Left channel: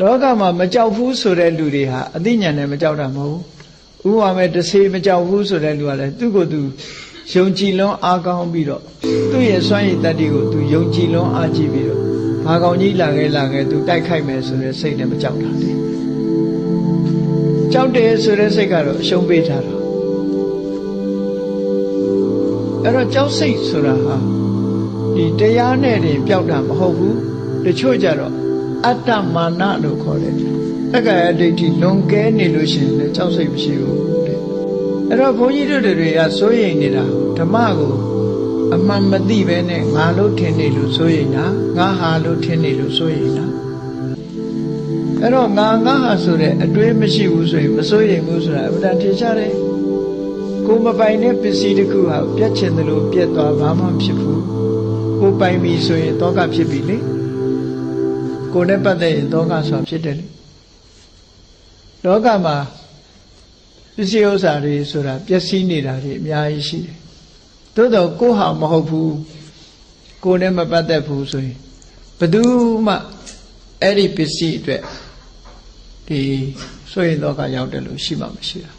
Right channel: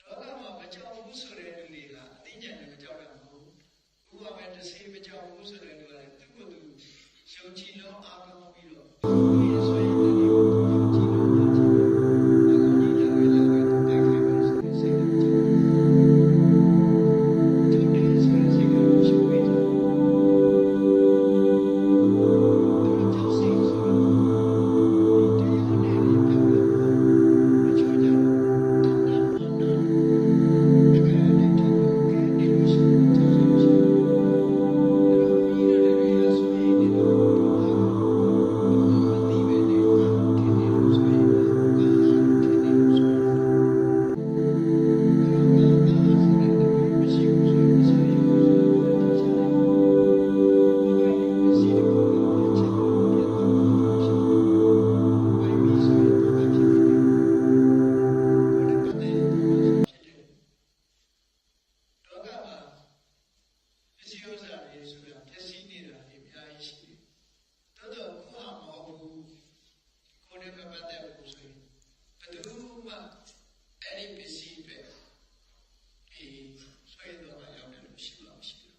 လောကမှာမကြောက်ဘူးဆိုတဲ့လူတွေဟာအသိဉာဏ်နဲ့မကြောက်တာမဟုတ်ဘူးဥပမာမဲ့တစ်စေမကြောက်ဘူးဆိုတဲ့လူကလည်းသူ့ကိုယ်သူယုံကြည်လွန်းအားကောင်းပြီးတော့သူ့ရဲ့စွမ်းရည်တတ္တိကိုသူယုံကြည်လွန်းအားကြည့်ပြီးတော့ဘာကောင်ကြီးလာခဲ့လာခဲ့သူတိုက်ခိုက်မယ်ဆိုတဲ့စိတ်နဲ့မကြောက်တာကြောက်တယ်ဆိုတဲ့စိတ်ကတော့အရှုံးပေးထားတာအဲ့တော့ကြောက်စိတ်ဆိုတာဟာဒီတရားနဲ့တင်ပျောက်တာမဟုတ်ဘူးတချို့ကြတော့ အတ္တမာနလို့ခေါ်တယ်တက္ကရာဒိဋ္ဌိလွန်ကဲနေလို့ရှိရင်လည်းကြောက်စိတ်မရှိဘူးတဲ့အဲ့တော့ဘုန်းကြီးတို့တွေကစိုးရိမ်နေတာဓမ္မကိုအမှန်မသိပဲနဲ့ငါလို့ထင်နေလို့စိုးရိမ်တာငါဟာလို့ထင်နေလို့စိုးရိမ်တာအဲ့တော့ငါငါဟာဆိုတဲ့အတွေးမရှိဘူးဆိုရင်မစိုးရိမ်ဘူးဆိုတာအမှန်တန်ထင်ရှားတယ်ကိုယ်မပိုင်တဲ့ပစ္စည်းတစ်ခုဟာပြတ်ချင်တယ်လို့ပြတ်သွားဘာမှဖြစ်ဘူးကိုယ်ပိုင်ပြီဆိုရင်တောကဖြစ်ပြီလေ ကိုယ်နဲ့ပတ်သက်ရင်တောကဆိုတာဖြစ်တယ်လေလောကမှာပစ္စည်းဥစ္စာတွေဆိုတာပျက်စီးနေတာတွေအများကြီးရှိတယ်သို့တော့ကိုယ်ဟာမဟုတ်ဘူးကိုယ်နဲ့မပတ်သက်ဘူးဆိုရင်ဘယ်သူမှအဲ့ဒီပစ္စည်းအတွက်ဒီဆိုရင်တော့ကရောက်တယ်လို့ရှိမှမရှိတာ